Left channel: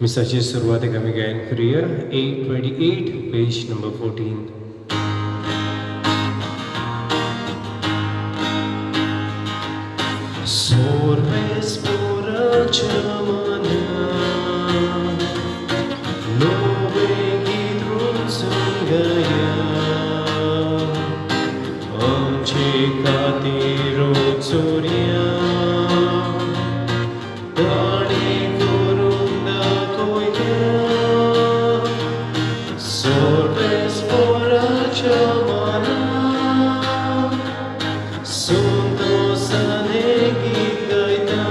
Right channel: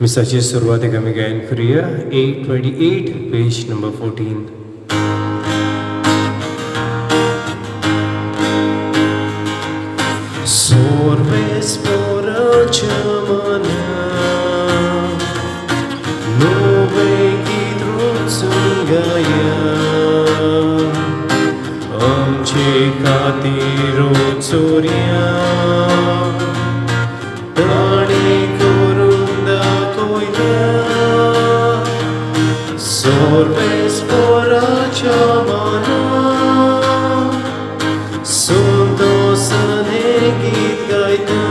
मिसाची सुरवात आमी गायन करुया 828 page number 14. Sorbes por achamana Nove gidrosungaya Amche katirotsoria Tani kurunda koina Sorbes por achamana Sunto sanegit gaita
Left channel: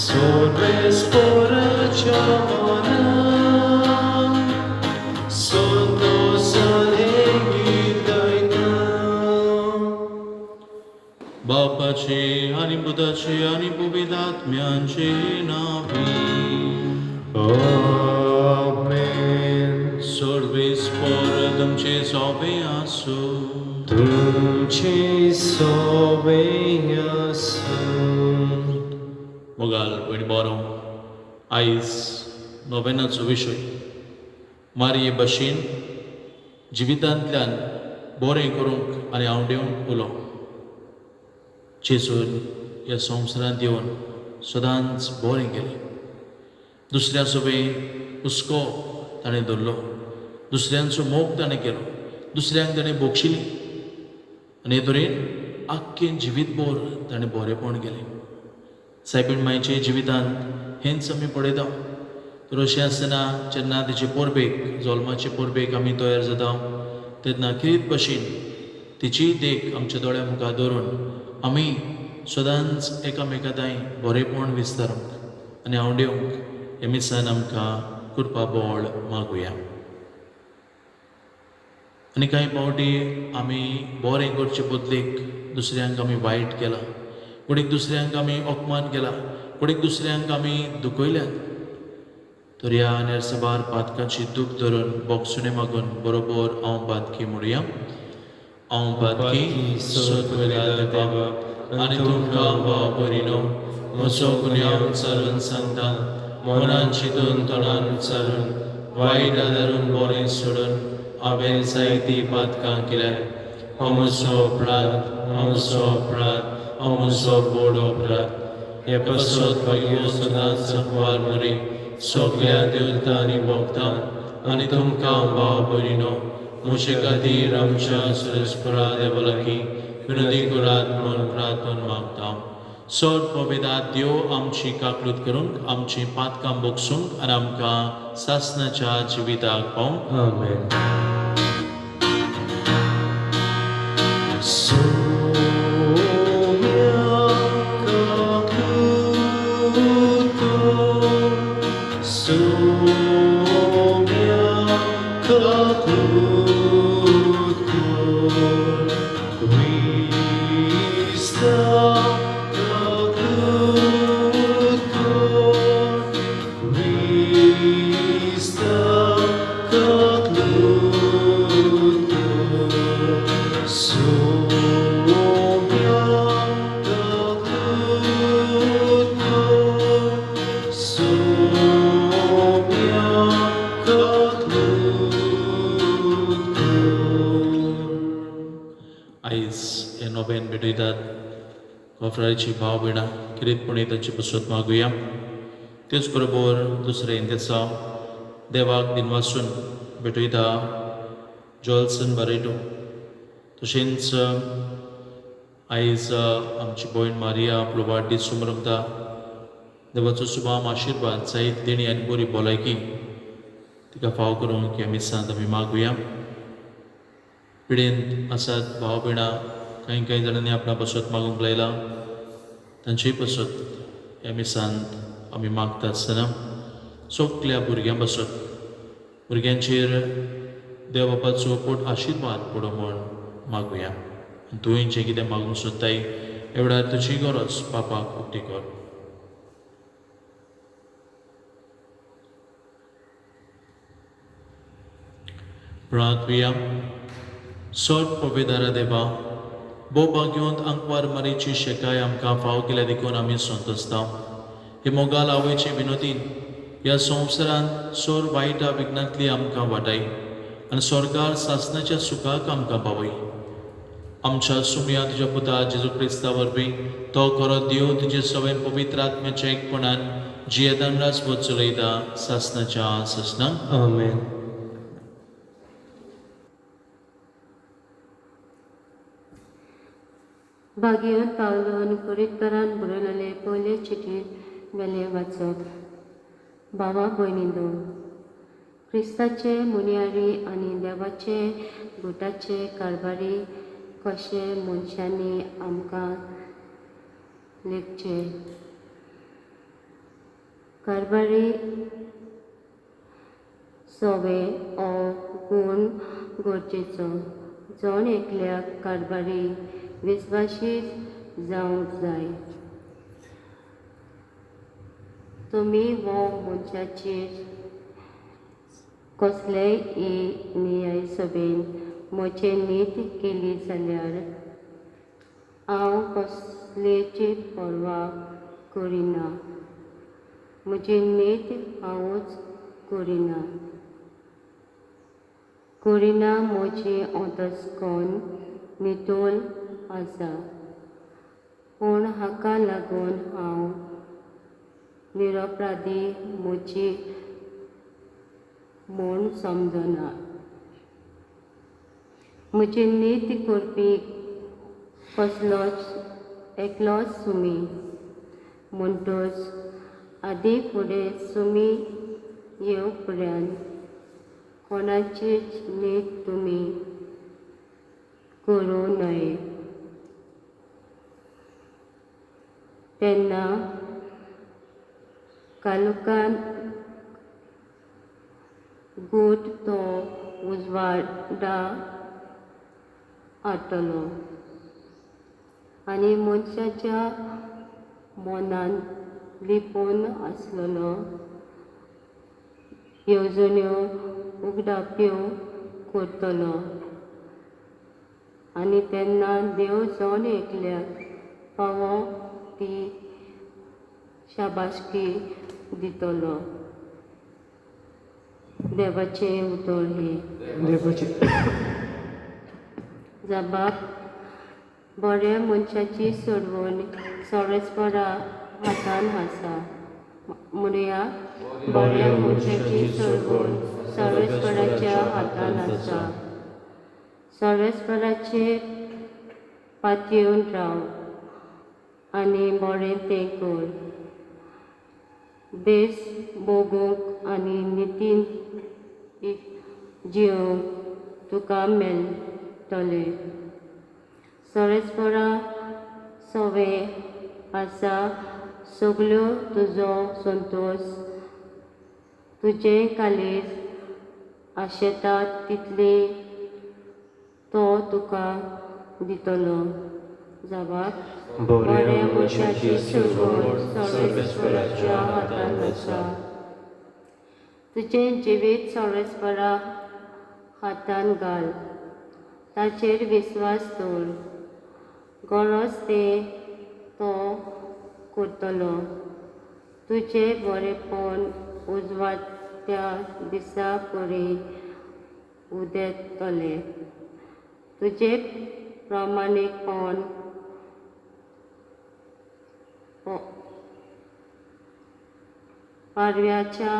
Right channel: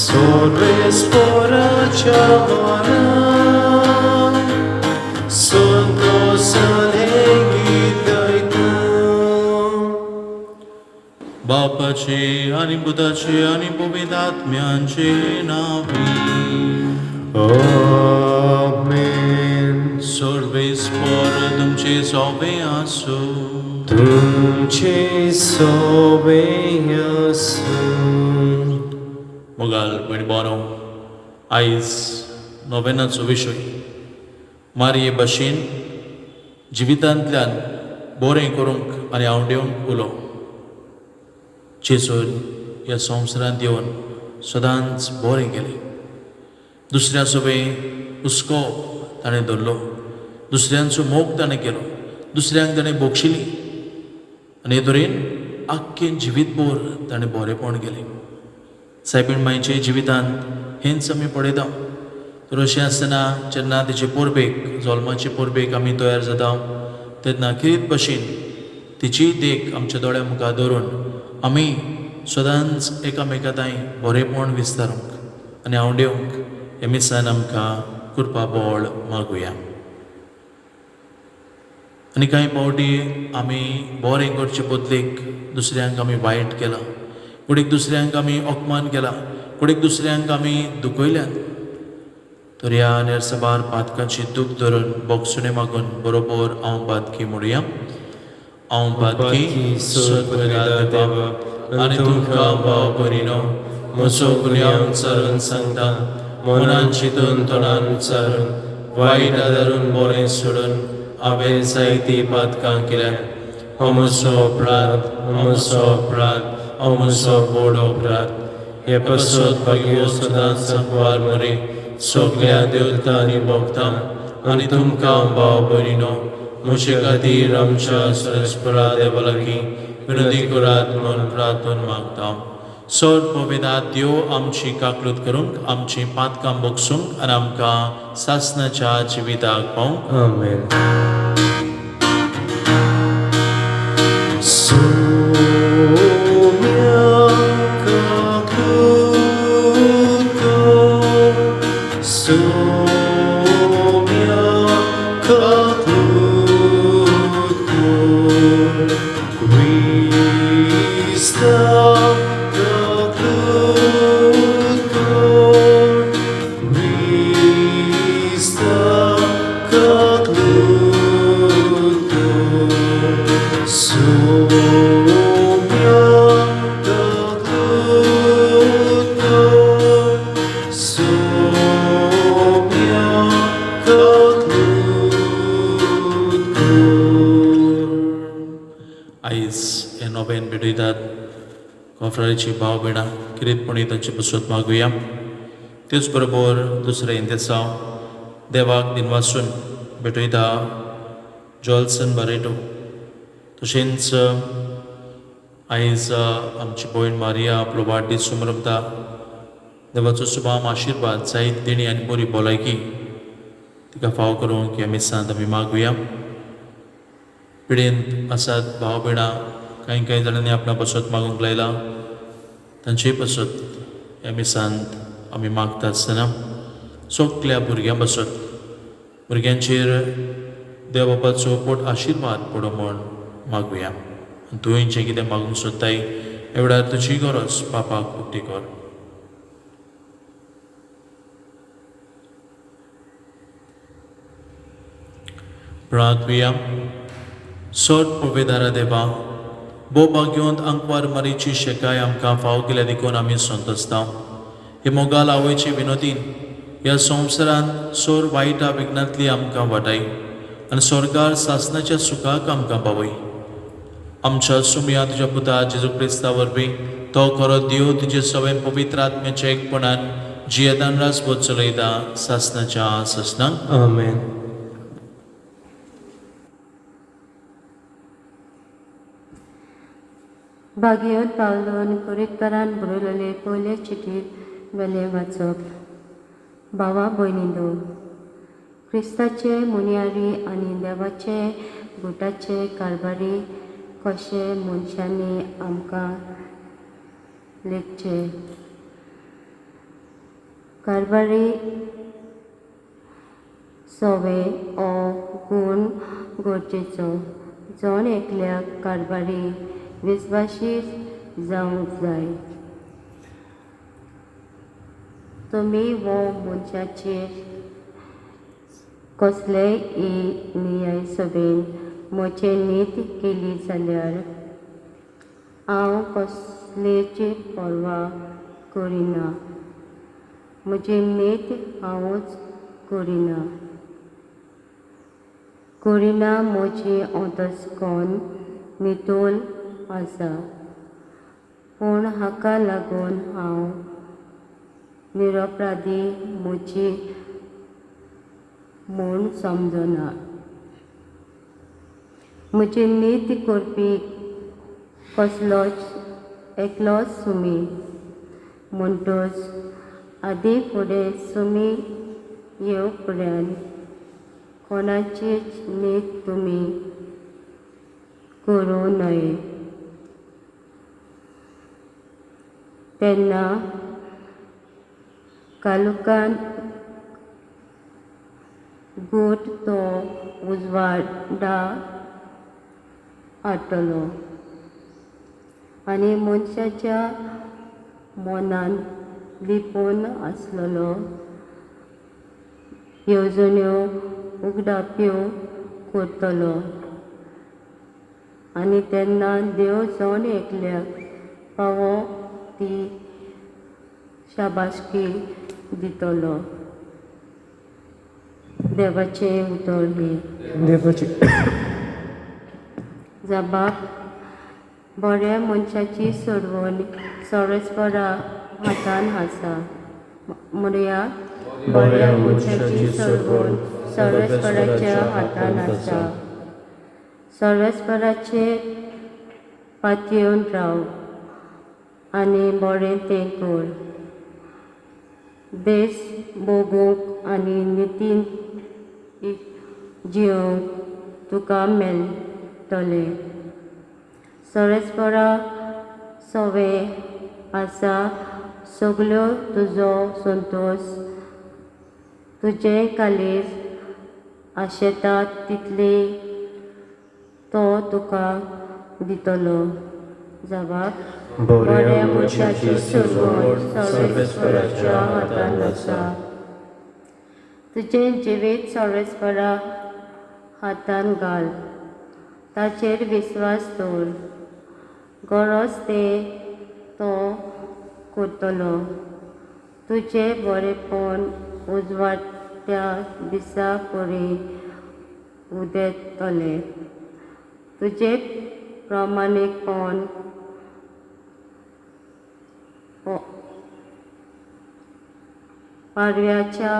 Sorbes por achamana Sunto sanegit gaita बापाचे आणि बुधाचे आणि पवित्रात्म्याचे नावे Amen. सर्वेस्वर तुमचे सोबे असो. तुमचे सोबे आसूं. मुगाल पयलीं बरो आयज नोवेनाचो विशय मारये भाशेन जिवितांतल्यान बरें करूंक आनी आवडेवंक उलो. जेजून ह्या संवसारांत येवन सदांच बरें केलें. दुसऱ्या सोबे हुस्को ताणें धरलो, दुसऱ्यांचो मोग ताणें केलो, दुसऱ्यांक ताणें बोगशिली आनी हे तरेन आख्खें जिवीतभर ताणें बरेंपण केलें. सायबीण मांयचे जिवितांत हेंच आमी पळयता. तर अशें आसतना जेन्ना तिचे परबेक जल्माचे परबेक आमी तयार जाता तेन्ना खेरीत भाशेन तिची देख आमच्या दोळ्या मुखार दवरून आमी सदांच एकामेका ताईं बरेंपण विस्तारूंक आनी आवडेवंक हे मिसान आमकां कृपा बळ मागुया. आनी कांय पावटी आमी बरें करचे बदलेक दुसऱ्यांक आमी वायट केलां, कोणीक दुसऱ्यांक आमी अपमान केला, कोणीक दुसऱ्यांक आमी दुखयल्यात. तर ह्या नेरसबार पातकांची दूख धरून बोगसुणे मागून बरोबर हांव पातकी म्हणुया. हांव पातकी सगळ्या देवा आनी तुमकां भाव बरिनो म्हजो गुन्यांव उच्चारून सांगता, मनान चिंतून तोंडान उच्चारून वायट आदारून बरें सोडून हांवें जायती पातकां केल्यात. हो म्हजो अपराध, हो म्हजो अपराध, हो म्हजो व्हड अपराध. हे पासत भाग्यो सदांच अपवार मरे सगळ्या देवतां आनी भक्तां आनी तुमकां भाव बरिनो म्हजे खातीर आमच्या सरस्परा देवा लागीं विनंती करात म्हणून प्रार्थना मागता. चड पवित्रात देव आमची काकलूत करूंक, आमची पातकां बोगसूंक आनी आमकां सासणाच्या जिविताक पावंक. Amen. आयज हे नोवेन भेटयतात कॉफ्रारीची भाव भयणां किरीतपणी तांची बसत मागुया. तेच बरोबर दुसऱ्या दिसा देवाक दिनवासून भेटयता जॉल्सन बारेटो. तशेंच आयज आमची भयण मारिया आपलो वाडदीस मनयता. देवाचो सुभाम आशिर्वाद जायत देणी आनी बरी भलायकी तिका फाव करूंक ह्या मिसांत आमी मागुया. पिडेंत आसात भाव भयणां, कांय जाणांनी आपणा बसत मागूंक लायला, तांचेय बसत ह्या मिसांत आमी मागता आसतना सगल्या भुरग्यां बसत भुरग्यांचेर देव बापाचो पोट आशिर्वाद पडो म्हण मागुया. तुवें जें कितें मागूंक सोदताय एवढा तुजी गरज बापाक पुट्टी कर. प्रार्थुया. सोड पवित्र देवा, बो भाग्योंत अंकवार मरीची शेकाय आमकां फाव केल्या देखून आमी संतोसता. हे मोगाल आवयचे विनोदीन ह्या संवसारान सोर वायटा विघ्नांतली आमकां वाटाय आनी स्वर्गार सासनाच्या सुखाक आमकां पावय. आमच्या सुमया तुज्या पुता जेजू क्रिस्ता वरवीं तो खरो देव तुजे सवेन पवित्र आत्म्याच्या एकपणान जियेदान रासभर चलयता सासनाच्या सासनाक. Amen. भागयोन पावलोन कुरितकारान बरयलेले पयले चिठींत वेले वाचप. भावा भयणींनो, क्रिस्ताचे मुनियारी आनी देवाचे गुटाचे कारभारी कशे मनशांनी आमकां लेखचे. कारभारी सवे हो गूण गरजेचो. जण एकल्याक कारभारी विस्वासी जावंक जाय. तुमी वो मनशाचेर कसलेय नियाय सभेन म्हजे नीत केली जाल्यार हांव कसलेची पर्वा करिना. म्हजी नीत हांवूच करिना म्हजी अंतस्कन नितोल आसा. पूण हाका लागून हांव निरपराधी म्हजी म्हूण समजना. म्हजी नीत करपी कसलोच एकलोच सुमी म्हणटच आदी फुडें सुमी येवपर्यंत कोणाचीच नीत तुमी करूं नये. तेन्ना कालुकान गूट तो उजवाडा हाडटलो आनी मनशाच्या मनान लिपून आसलेलो येवजण्यो उगडाप्यो करतलो. आनी तेन्ना देव जण एकल्याक फावो ती शाबासकी दितलो. देवाचे उतर हे. देवाची जबाब. बऱ्या मनशाची सोडवण सरस्परा हातान आसा. म्हणया बऱ्या मनशाची सोडवण सरस्पराच्या हातान आसा. सरस्पराचे पातयेवन राव आनी बरें तें कर. बेस भोगूंक आनी नितीन जियोंक तुका मेळटले. सरस्परा सवे आसा सगल्यो तुजो संतोष. तुजें कालीज आशेता तितली तो तुका दितलो. जबाब. बऱ्या मनशाची सोडवण सरस्पराच्या हातान आसा. तुजें जिवीत सरस्परा हातान घाल. ताचेर विस्वास दवर. गरज तें तो करतलो. तुजें बरेंपण उजवाड्या दिसा परी उदेतलें. तुजें प्रामाणीकपण पारव्याच्या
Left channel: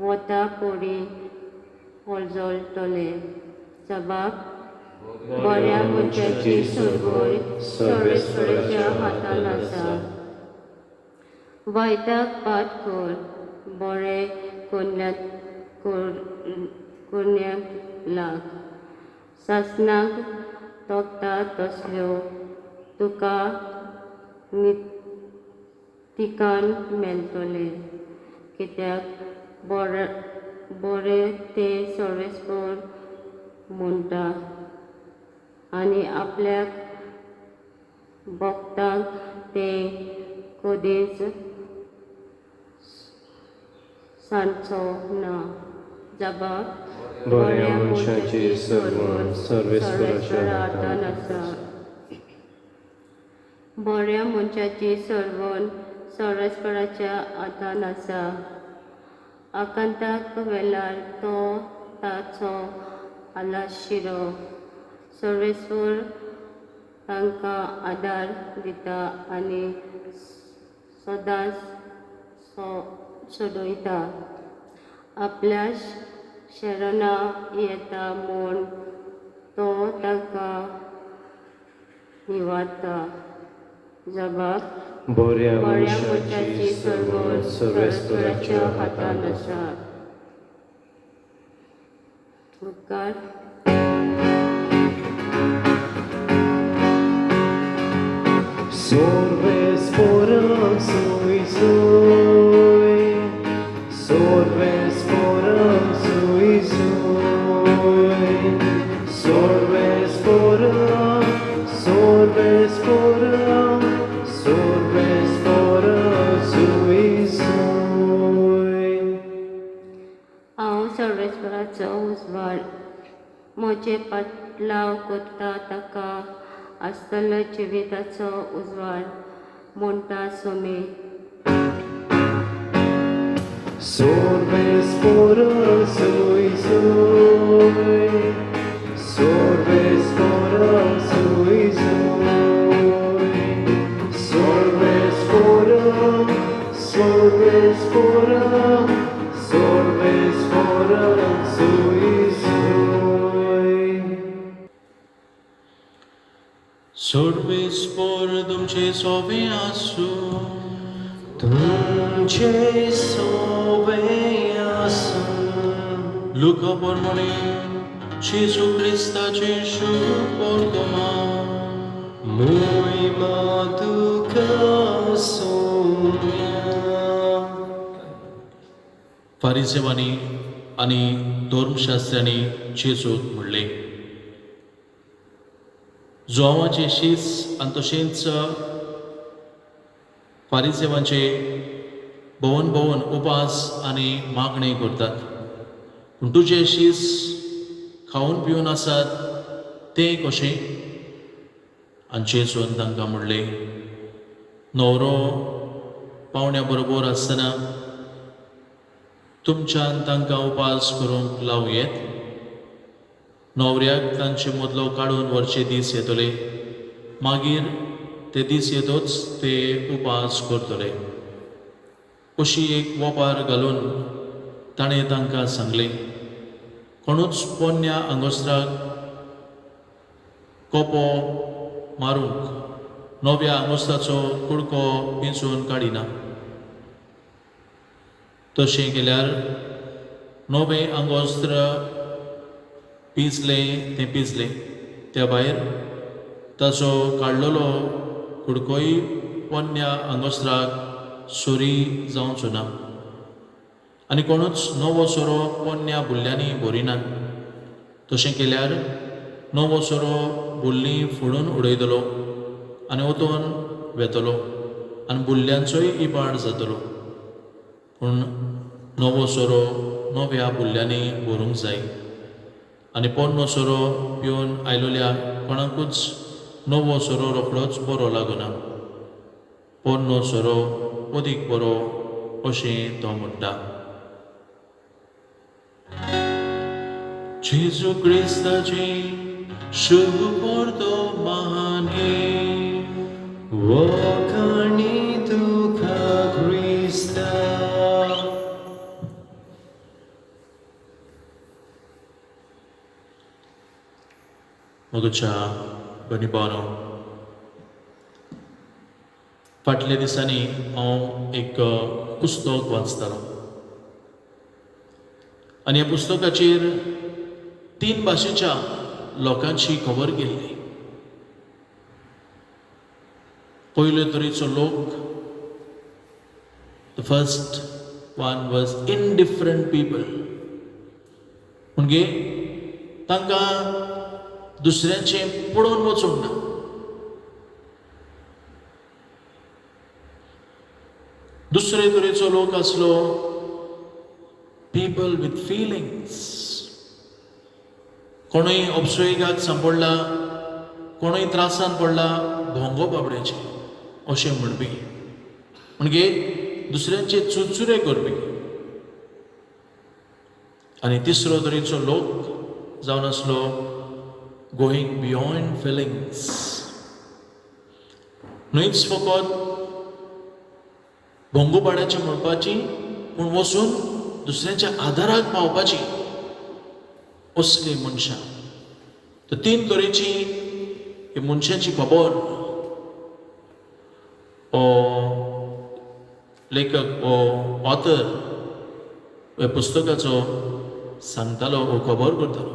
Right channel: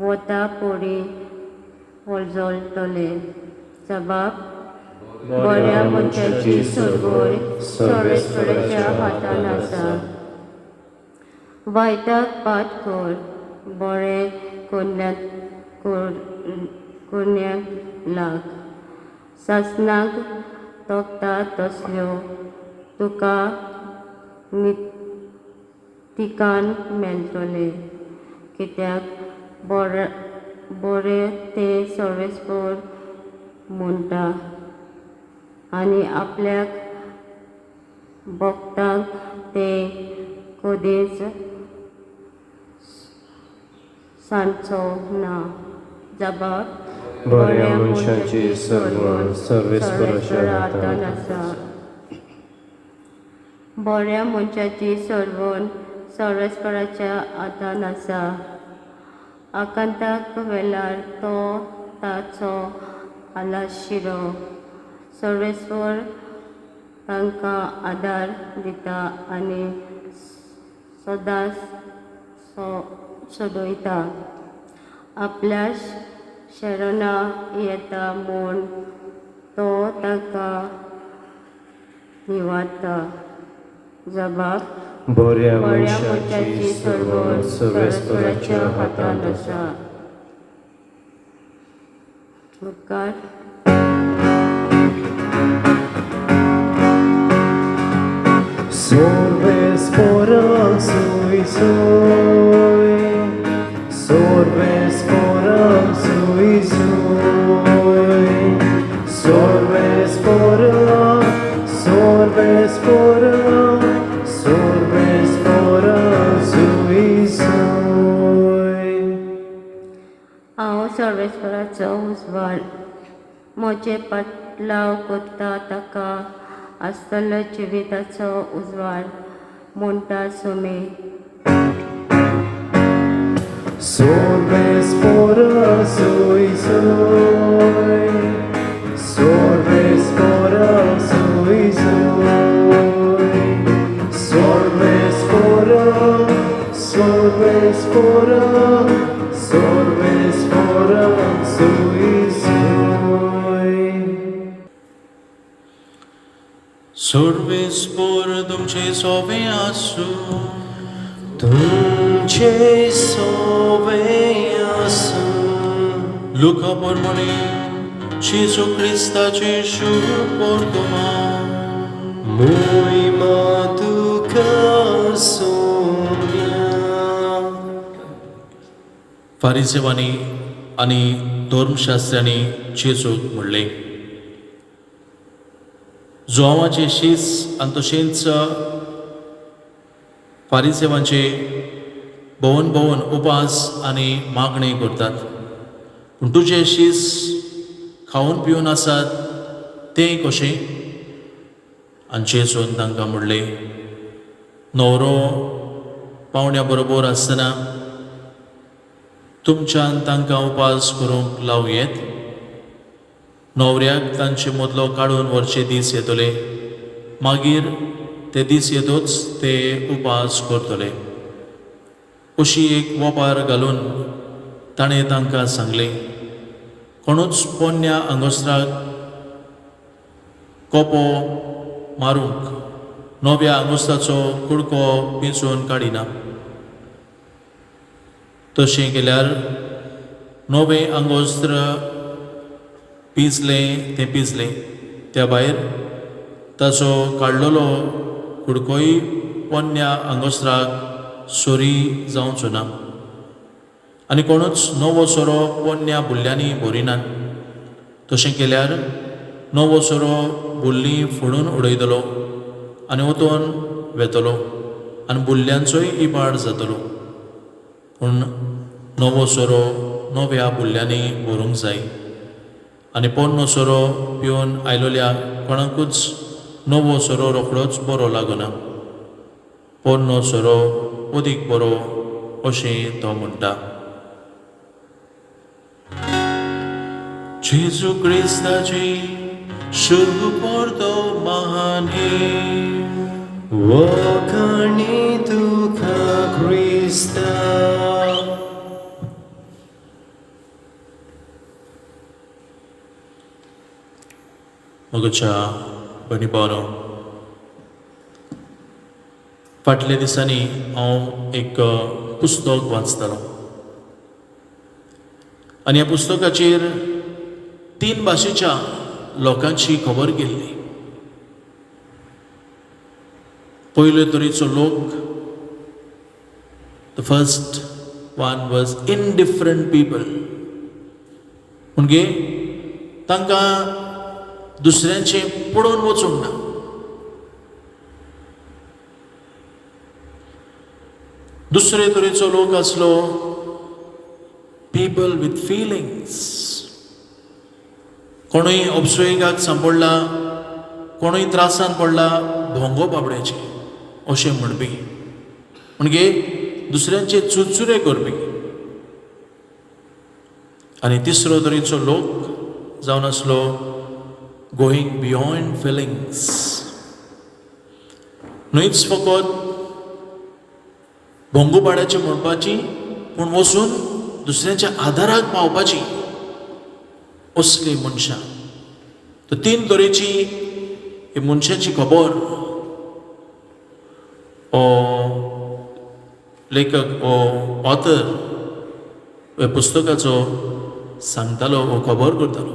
वता परी उजळटलें. जबाब. बऱ्या मनशाची सोडवण सरस्पराच्या हातान आसा. वायटाक पाट कर. बरें करण्याक लाग. सासनाक तोखता तसल्यो तुका नितिकान मेळटले. कित्याक बरें तें सरस्पर म्हणटा आनी आपल्याक भोगतांक तें कधीच सांचो ना. जबाब. बऱ्या मनशाची सोडवण सरस्पराच्या हातान आसा. बऱ्या मनशाची सोडवण सर्वेस्पराच्या हातान आसा. आकांताक वेल्यार तो ताचो आलाशिरो. सर्वेस्वर तांकां आदार दिता आनी सदांच सोडयता. आपल्या शरणा येता म्हूण तो तांकां निवाडटा. जबाब बऱ्या बऱ्या मनशाची मनशाची सरवळ सर्वेस्पराच्या हातान आसा. मुखार Sorvespora sui sui, sorvespora sui sui, sorvespora, sorvespora, sorvespora sui sui. हांव सर्वेस्पराचो उजवाड. म्हजे पाटलाव करता ताका आसतलो जिविताचो उजवाड म्हणटा Sumi. Sorvespora sui sui, sorvespora sui sui, sorvespora, sorvespora, sorvespora sui sui. सर्वेस्पर तुमचे सोबे आसूं. तुमचे सोबे आसूं. लुका पोरमोने जेजू क्रिस्ताचे शुभ वर्तमान. Muima tuka soumya. फारिसेवांनी आनी धर्मशास्त्रांनी जेजूक म्हणलें, जोवाचे शीस आनी तशेंच फारिसेवांचे भोवन भोवन उपास आनी मागणी करतात. पूण तुजे शीस खावन पिवन आसात तें कशें? आनी जेजून तांकां म्हणलें, न्हवरो पावण्या बरोबर आसतना तुमच्यान तांकां उपास करूंक लावं येत? न्हवऱ्याक तांचे मदलो काडून व्हरचे दीस येतले, मागीर ते दीस येतूच ते उपास करतले. अशी एक वोपार घालून ताणें तांकां सांगलें, कोणूच पोन्न्या आंगोसराक कोपो मारूंक नव्या आंगोस्ताचो कुडको पिंजून काडिना. तशें केल्यार नवें आंगोस्त्र पिंजलें तें पिंजलें, त्या भायर ताचो काडलेलो कुडकोय पोन्न्या आंगोस्त्राक सोरी जावचो ना. आनी कोणूच नवो सोरो पोन्न्या बुल्ल्यांनी भरिनात. तशें केल्यार नवो सोरो बुल्लीं फोडून उडयतलो आनी वतून वेतलो आनी बुल्ल्यांचोय इबाड जातलो. पूण नवो सोरो नव्या बुल्ल्यांनी भरूंक जाय. आनी पोन्नो सोरो पिवन आयलोल्या कोणाकूच नवो सोरो रोखडोच बरो लागना. पोन्नो सोरो अदीक बरो अशें तो म्हणटा. जेजू क्रिस्ताची शुभ वर्तमानी. Wakani tuka Krista. मोगच्या भणी बावनो, फाटल्या दिसांनी हांव एक पुस्तक वाचतालो आनी ह्या पुस्तकाचेर 3 भाशेच्या लोकांची खबर गेल्ली. पयले तरेचो लोक, the first one was indifferent people. म्हणजे तांकां दुसऱ्यांचें पडोवन वचूंक ना. दुसरे तरेचो लोक आसलो पीपल विथ फिलिंग्स. कोणूय अपसुयेकाक सांपडला, कोणूय त्रासान पडला, भोंगो बाबड्याचे अशें म्हणपी. म्हणजे दुसऱ्यांचे चुरचुरे करपी. आनी तिसरो तरेचो लोक जावन आसलो गोईंग बियॉन्ड फिलिंग्स. न्हयच फकत भोंगूपाड्याची म्हणपाची, पूण वचून दुसऱ्याच्या आदाराक पावपाची असली मनशां. तर 3 तरेची ही मनशाची खबर हो लेखक हो ऑथर ह्या पुस्तकाचो सांगतालो, हो खबर करतालो.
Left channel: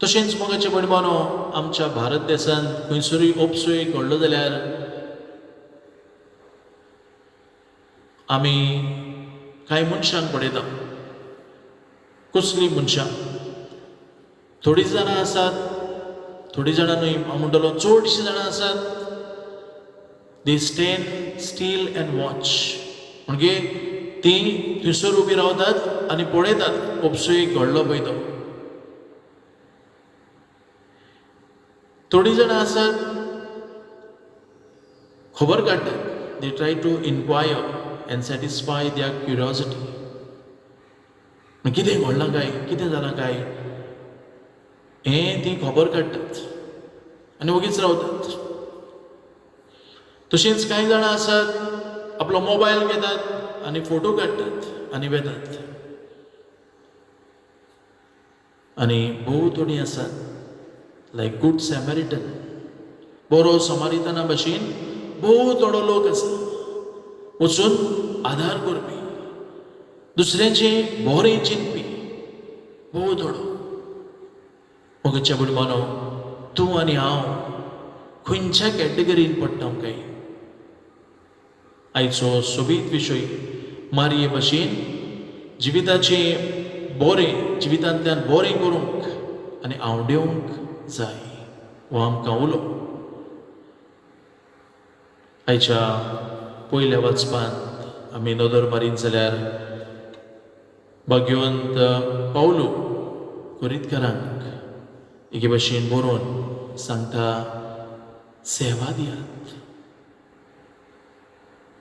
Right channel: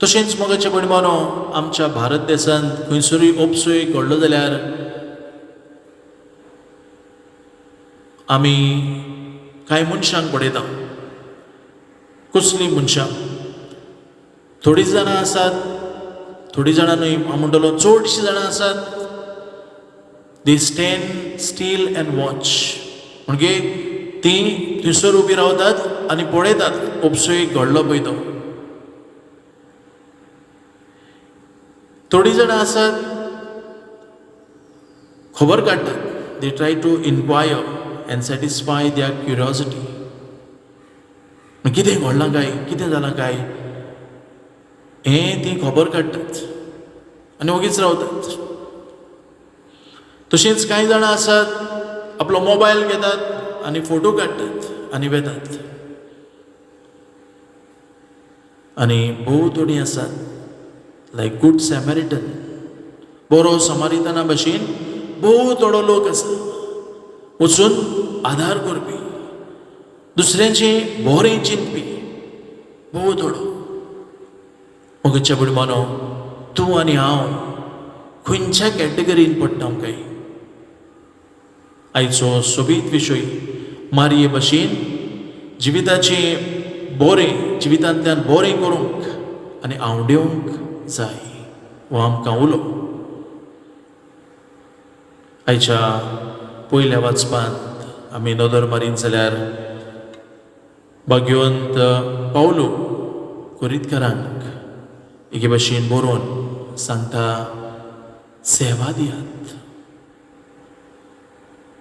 तशेंच मोगाच्या परिमाणो आमच्या भारत देशांत खंयसरूय ओपसूय घडलो जाल्यार आमी कांय मनशांक पळयता. कसलीं मनशां? थोडीं जाणां आसात, थोडीं जाणां न्हय, हांव म्हणटलो चडशीं जाणां आसात, दे स्टँड स्टील अँड वॉच. म्हणजे तीं थंयसर उबी रावतात आनी पळयतात ओपसूय घडलो पळय तो. थोडीं जाणां आसात खबर काडटात. They try to inquire and satisfy their curiosity. कितें घडलां काय, कितें जालां काय, हें तीं खबर काडटात आनी ओगीच रावतात. तशेंच कांय जाणां आसात आपलो मोबायल घेतात आनी फोटो काडटात आनी वेतात. आनी भोव थोडीं आसात लायक गूड सॅमरिटन, बरो समारितना भाशेन भोव थोडो लोक आसा वचून आदार करपी, दुसऱ्यांचें बरें चिंतपी भोव थोडो. मोगच्या बुडमानो, तूं आनी हांव खंयच्या कॅटेगरीन पडटा काय? आयचो सोबीत विशय मारये भाशेन जिविताचें बरें, जिवितांतल्यान बरें करूंक आनी आवडिवंक जाय हो आमकां उलो. आयच्या पयल्या वाचपांत आमी नदर मारीत जाल्यार भाग्यवंत पावलो कोरिंथकारांक एके भाशेन बरोवन सांगता, सेवा दियात,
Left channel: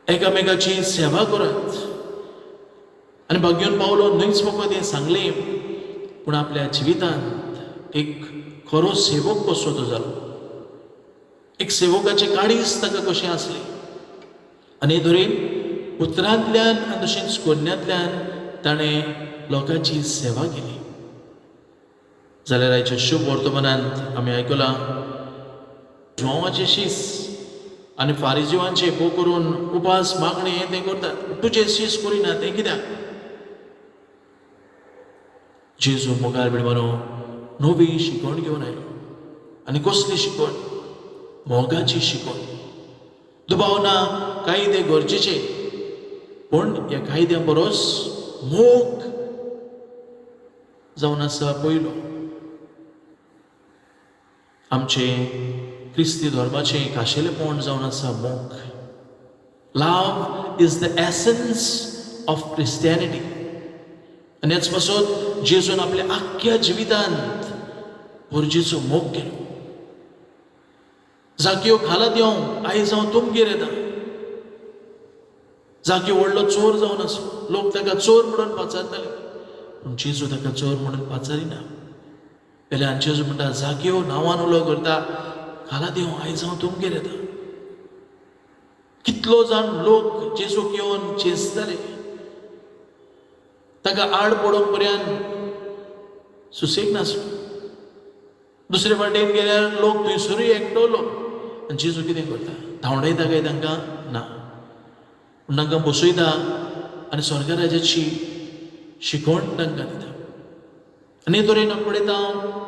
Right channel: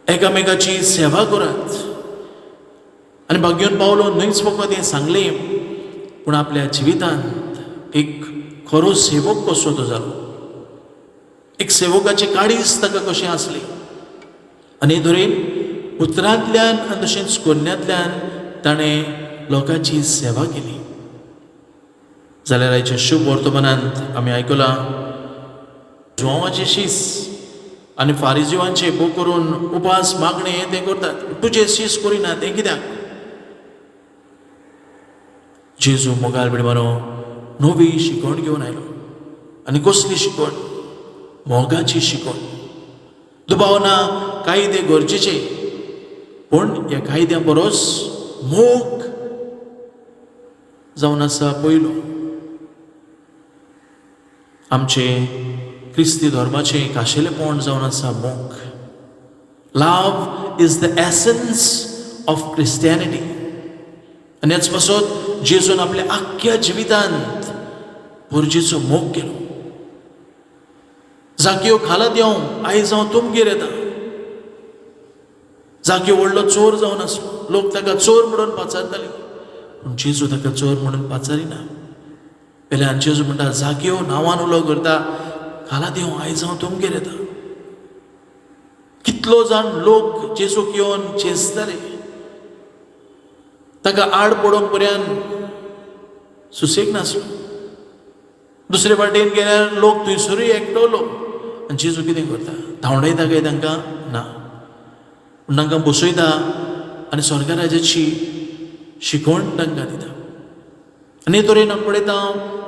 एकामेकाची सेवा करात. आनी भाग्यवंत पावलो न्हयच फकत हें सांगलें, पूण आपल्या जिवितांत एक खरो सेवक कसो तो जालो. एक सेवकाची काडीच ताका कशें आसली. आनी तरेन उतरांतल्यान आनी तशेंच कोन्यांतल्यान ताणें लोकांची सेवा केली. जाल्यार आयच्या शुभ वर्तमानांत आमी आयकलां जुवांवाचे शीस आनी फारिजीवांचे भोव करून उपास मागणे ते करतात. तुजे शीस करिना तें कित्याक? जेजू मोगाल बिडमानो नवी शिकवण घेवन आयलो. आनी कसली शिकवण? मोगाची शिकवण. दुबाव ना, कायदे गरजेचे, पूण ह्या कायद्या परस मोग जावन आसा पयलो. आमचे क्रिस्ती धर्माचे खाशेलेपण जावन आसा मोग. Love is the essence of Christianity. आनी हेच पासत जेजून आपल्या आख्ख्या जिवितांत पुरजेचो मोग केलो. जाग्यो खाला देंव आयज हांव तुमगेर येता. जाग्यो व्हडलो चोर जावन आसलो, लोक ताका चोर म्हणून पाचारताले, पूण जेजू ताका चोर म्हणून पाचारिना. पेल्यान जेजू म्हणटा, जाग्यो नांवान उलो करता, खाला देंव आयज हांव तुमगेर येता. कितलो जाण लोक जेजूक येवन चेंचताले, ताका आड पडोवंक पर्यंत सुसेग नासलो. दुसरे वाटेन गेल्यार लोक थंयसरूय एकटवलो. आनी जेजू कितें करता? धांवडयता काय तांकां? ना, पूण तांकां बसयता आनी स्वर्ग राज्याची शिकवण तांकां दिता. आनी हे तरेन पळयता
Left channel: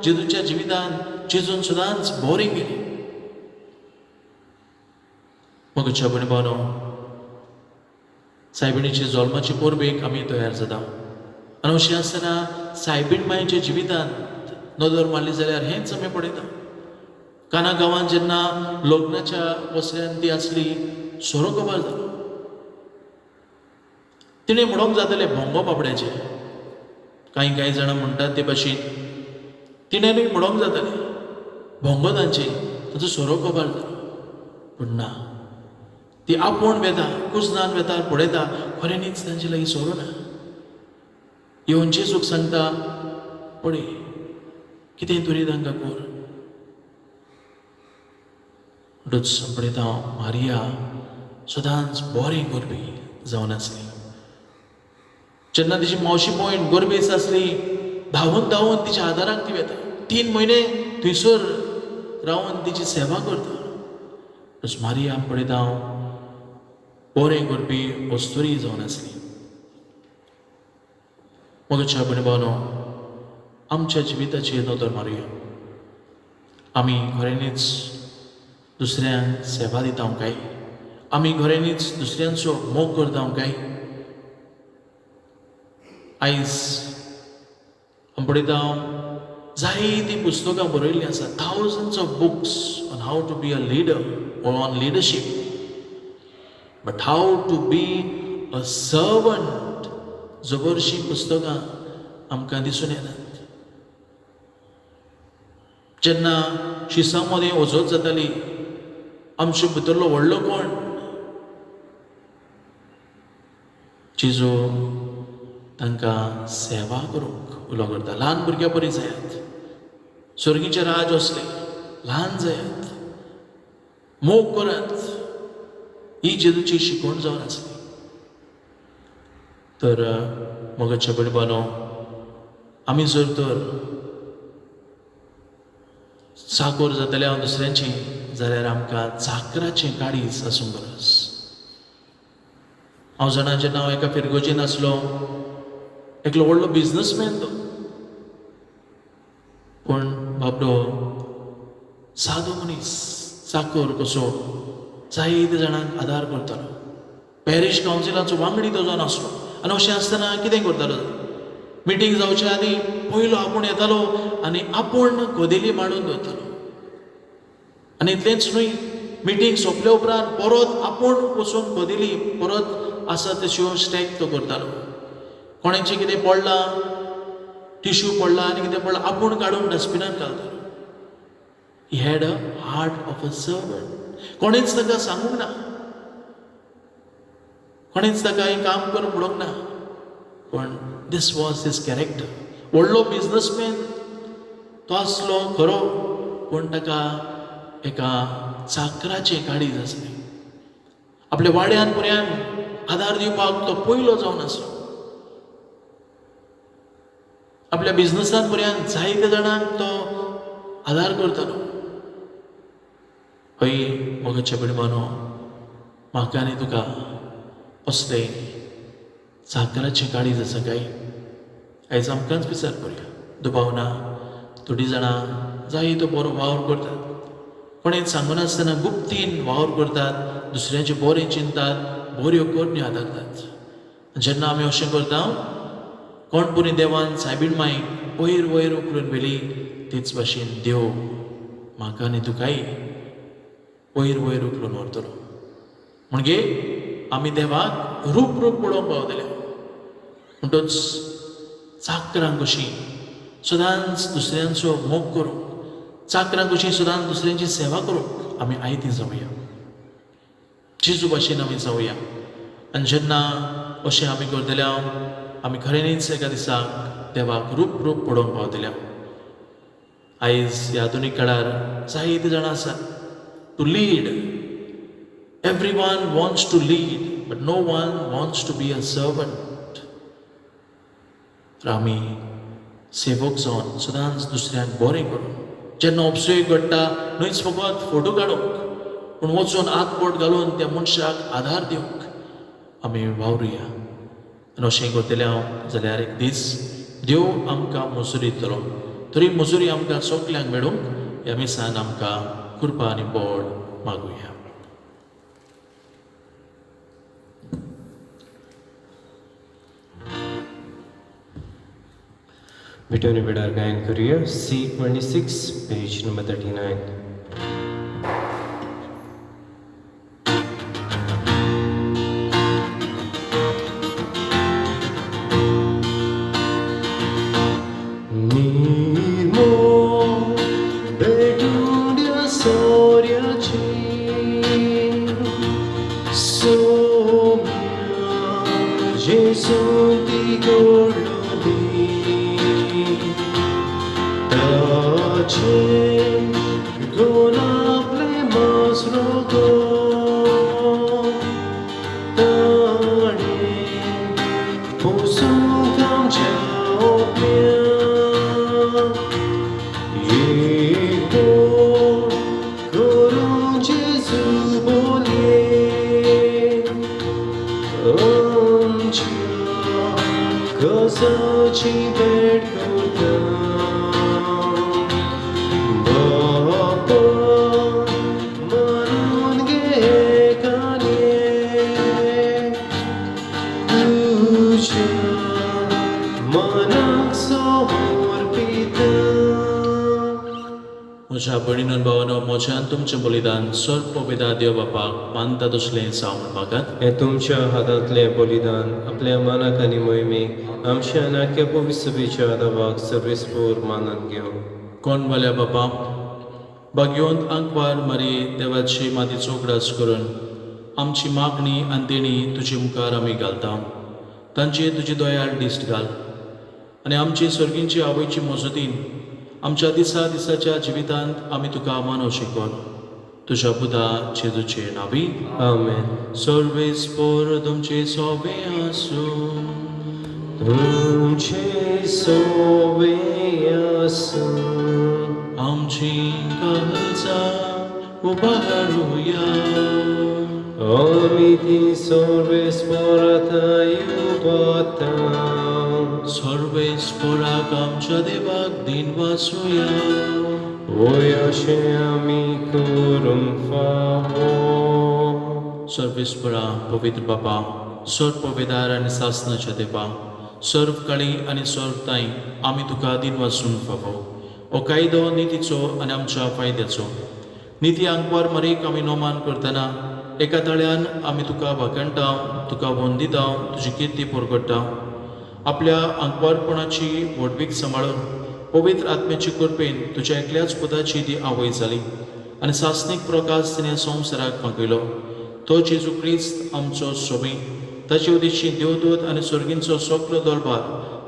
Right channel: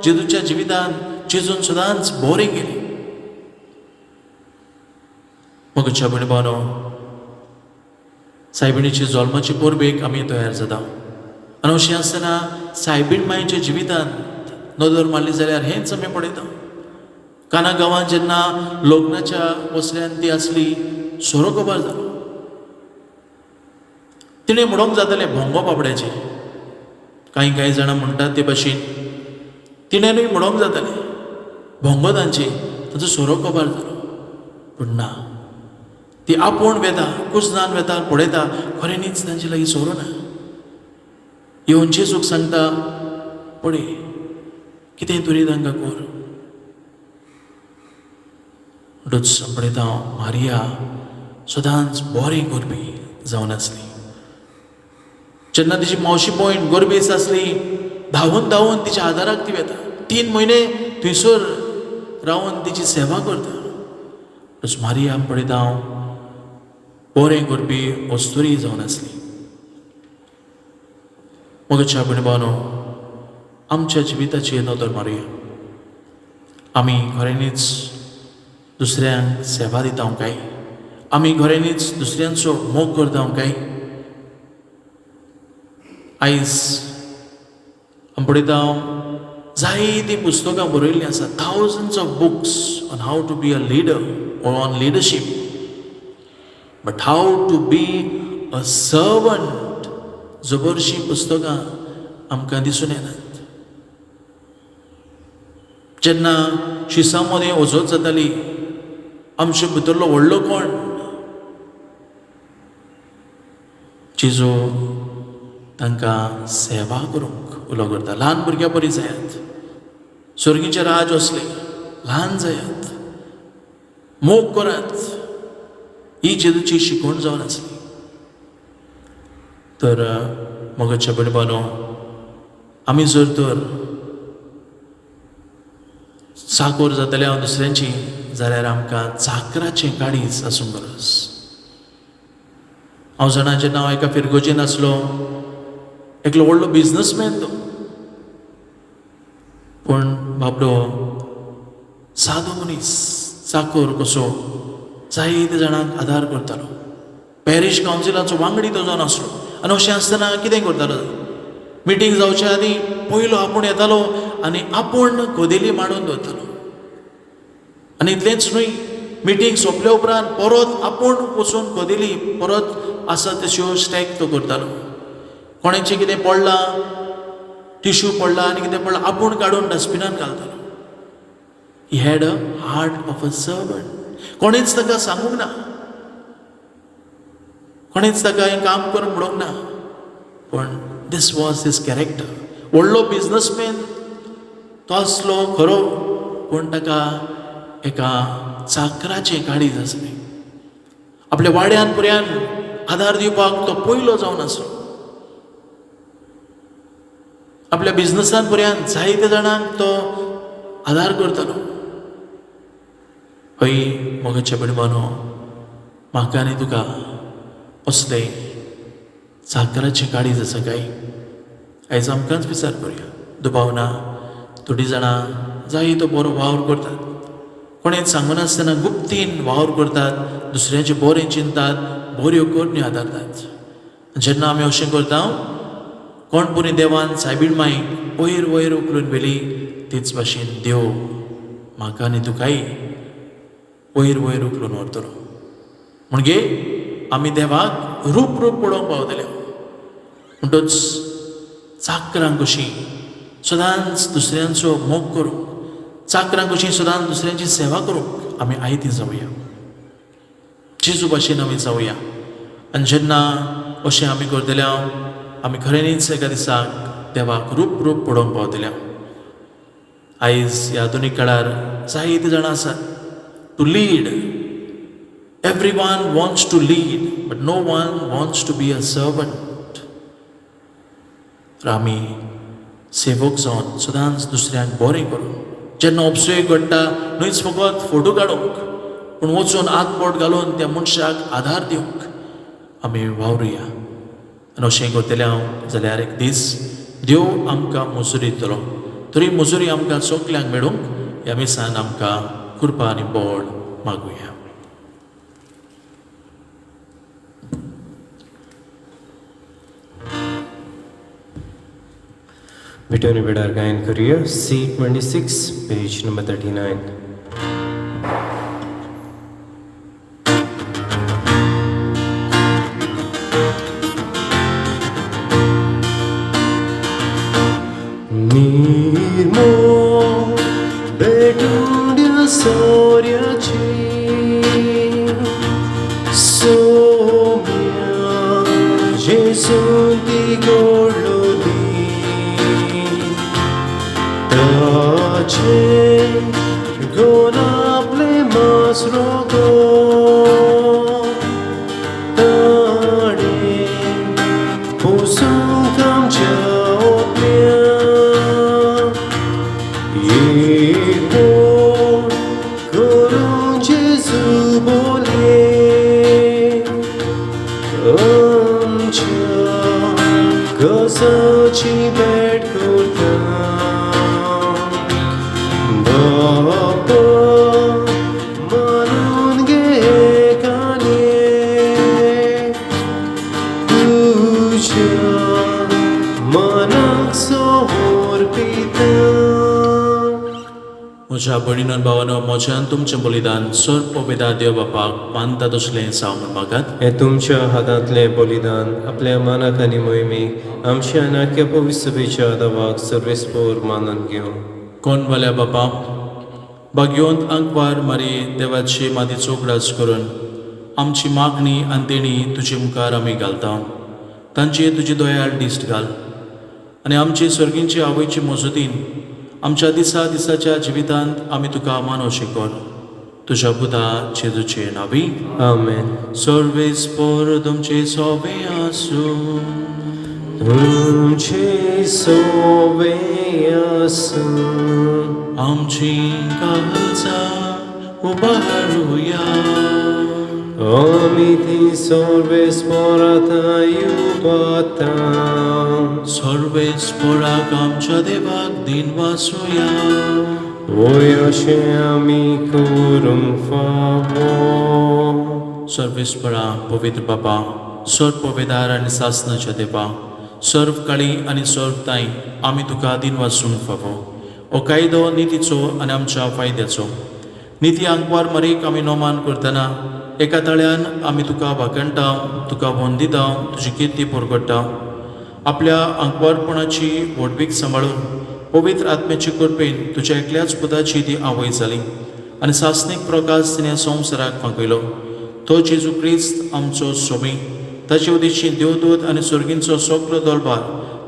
जेजूच्या जिवितांत जेजून सदांच बरें केलें. मोगच्या भयणभावानो, सायबिणीची जल्माची परबेक आमी तयार जाता. आनी अशें आसतना सायबीण मायेच्या जिवितांत नदर मारली जाल्यार हेंच आमी पळयता. काना गांवांत जेन्ना लग्नाच्या वसऱ्यांत ती आसली, सोरो कोबार जालो. तिणें म्हणूंक जातालें भोंगो बाबड्याचें. कांय जाणां म्हणटात ते भाशेन तिणेंनूय म्हणूंक जातालें भोंगो तांचे, ताचो सोरो कोबार जालो. पूण ना, ती आपूण वेता कुजनान वेता पळयता खऱ्यांनीच तांचे लागीं सोरो ना येवन जेजूक सांगता पळय कितें तरी तांकां कर म्हणटूच पळयता हांव मारिया सदांच बरें करपी जावन आसली जेन्ना तिची मावशी पॉयंट गरबेस आसली धांवून धांवून तिच्या आदाराक ती वेता 3 म्हयने थंयसर रावन तिची सेवा करता तस मारिया पळयता हांव बरें करपी वस्तुरी जावन आसली मोगच्या भयणभावानो आमच्या जिविताची नदर मारुया आमी खऱ्यांनीच दुसऱ्यांक सेवा दिता काय आमी खऱ्यांनीच दुसऱ्यांचो मोग करता काय आयज आमी पळयता जायतीं पुस्तकां बरयल्लीं आसा thousands of books on how to be a leader or on leadership but how to be a servant जबरशीं पुस्तकां आमकां दिसून येनात जेन्ना शिसां मदें वचत जाताली आमचे भितरलो व्हडलो कोण जेजू तांकां सेवा करूंक उलो करता ल्हान भुरग्यां बरी जायात स्वर्गीचे राज असले ल्हान जायात मोग करात ही जेजूची शिकवण जावन आसली तर मोगाच्या भयणभावानो आमी जर तर साकोर जाताले हांव दुसऱ्यांची जाल्यार आमकां चाकराचें काळीज आसूंक गरज हांव जाणा जेन्ना हांव एका फिरगोजेन आसलो एकलो व्हडलो बिजनसमॅन तो पूण बाबडो सादो मनीस चाकोर कसो जायते जाणांक आदार करतालो पॅरीश कावन्सिलाचो वांगडी तो जावन आसलो आनी अशें आसतना कितें करतालो मिटींग जावच्या आदीं पयलो आपूण येतालो आनी आपूण कोदेली मांडून दवरतालो आनी इतलेंच न्हय मिटींग सोंपल्या उपरांत परत आपूण वचून कोदेली परत आसा तश्यो स्टॅक तो करतालो कोणाचें कितें पडलां टिश्यू पडला आनी कितें पडलां आपूण काडून डस्टबिनान घालतालो he had a heart of a servant कोणेंच ताका सांगूंक ना कोणेंच ताका हें काम कर म्हणूंक ना पण दीस वॉज हिज कॅरेक्टर व्हडलो बिजनसमॅन तो आसलो खरो पूण ताका एका चाकराचें काळीज आसलें आपल्या वाड्यान पुऱ्यान आदार दिवपाक तो पयलो जावन आसलो आपल्या बिजनसान पर्यंत जायते जाणांक तो आदार करतालो हय मोगाच्या भयणभावानो म्हाका आनी तुका असले चाकराचें काळीज आसा काय आयज आमकांच विचार करुया दुबाव ना थोडीं जाणां जायतो बरो वावर करतात कोणेंच सांगनासतना गुप्तीन वावर करतात दुसऱ्याचें बरें चिंतात बऱ्यो करण्यो आदारतात जेन्ना आमी अशें करता कोण पुरी देवान सायबीण मायक वयर वयर उखलून व्हेली तीच भाशेन देव म्हाका आनी तुकाय वयर वयर उखलून व्हरतलो म्हणजे आमी देवाक रूप रूप पळोवंक पावतले म्हणटूच चाकरांक कशीं सदांच दुसऱ्यांचो मोग करूंक चाकरांक कशीं सदांच दुसऱ्यांची सेवा करूंक आमी आयतीं जावया जेजू भाशेन आमी जावया आनी जेन्ना अशें आमी करतले आमी खऱ्यांनीच एका दिसाक देवाक रूप रूप पळोवंक पावतले आयज ह्या आधुनीक काळार जायते जाणां आसात to lead everyone wants to lead but no one wants to be a servant आमी सेवक जावन सदांच दुसऱ्यांक बरें करूंक जेन्ना उपसयेक घडटा न्हयच फकत फोटो काडूंक पूण वचून हात बोट घालून त्या मनशाक आदार दिवंक आमी वावरुया आनी अशें करतलें हांव जाल्यार एक दीस देव आमकां मजुरी दितलो तरी मजुरी आमकां सगल्यांक मेळूंक ह्या मिसान आमकां कृपा आनी बळ मागुया Victory Bedar Gayan Career, C26, page number 39. suntigolodi tace gonaple masrogo tade posukam jaopya yepo Gurun Jesu bolye Kasachi bet kurtam Baba manun ge kane Tuja manak sohor pita म्हज्या भयणीन भावानो म्हज्यान तुमचें बलिदान सर पवित्रा देव बापाक मानता तसलें जावन मागात हे तुमच्या हातांतले बलिदान आपल्या मनाक आनी मोहिमेक आमच्या नाक्या पवित्र सभेच्या आदावाक सर्वेस्पोर मानून घेवं कोण वाल्या बापा भाग्यवंत आंकवार मारी देवाची मातीचो उगडास करून आमची मागणी आनी देणी तुजे मुखार आमी घालता तांची तुजी दोयाळ दिश्ट घाल आनी आमची सर्गींची आवयची मजतीन आमच्या दिसाच्या जिवितांत आमी तुका मानो शिकोर तुज्या पुता जेजूचे नावी आमेन सर्वेस्पोर तुमचे सोबे आसूं तुमचे सोबे आसूं आमची काळजां उबारूया आमी ती सर्वेस्पोरांत युगांता सर्वेस्पोराक आमच्या देवाक दिन वासूया वयर अशें आमी करूंक फावो सर्वेस्परा पवित्र बापा सर्व पवित्रार आनी सासनाच्या देवा सर्व काळी आनी सर्व ताई आमी तुका दिन वाचूंक फावो हो कायदो नितीचो आनी आमच्या फायद्याचो निती आंकवार मरीक आमी नोमान करतना एका तळ्यान आमी तुका भाकणटा तुका वंदिता तुजी किर्ती परगडटा आपल्या आंकवारपणाची व्हडवीक सांबाळून पवित्र आत्म्याची कृपेन तुज्या एकल्याच पुताची ती आवय जाली आनी सासनीक प्रकाश तिणें संवसाराक मागयलो तो जेजू क्रिस्त आमचो सोबी ताचे उदेशी देवदूत आनी सर्गींचो सगलो दळबार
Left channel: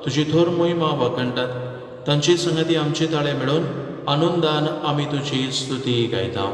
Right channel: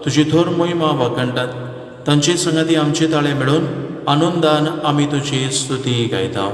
तुजी थोर मोहिमा वाखणटात तांची संगती आमचे ताळे मेळोवन आनंदान आमी तुजी स्तुती गायता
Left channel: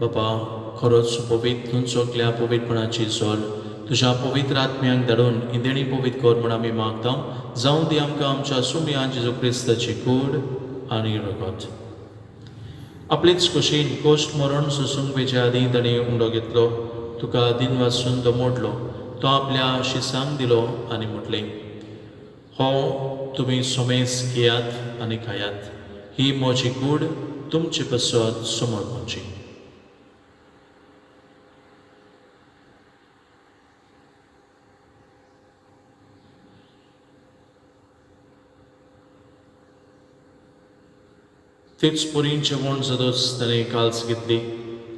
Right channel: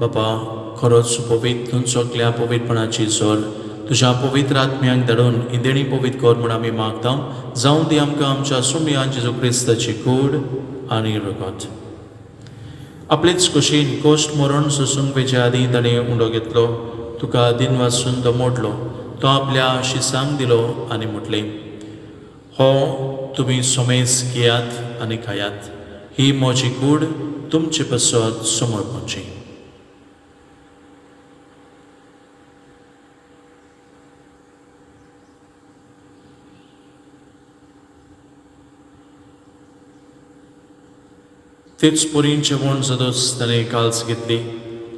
बापा खरोच पवित्र सगल्या पवित्रपणाची जोर तुज्या पवित्र आत्म्यांक धाडून ही देणी पवित्र कर म्हूण आमी मागता जावं दी आमकां आमच्या सुमयान जेजू क्रिस्ताची कूड आनी रगत आपलेच कुशीन कोश्ट मरण सोसूंक वेच्या आदी ताणें उंडो घेतलो तुका दिन वाचून तो मोडलो तो आपल्या शिसांक दिलो आनी म्हटलें हो तुमी सोमेस घेयात आनी खायात ही म्हजी कूड तुमचे पसत समर्पणची तेच पोरींचे म्हण जादोच ताणें काल्स घेतली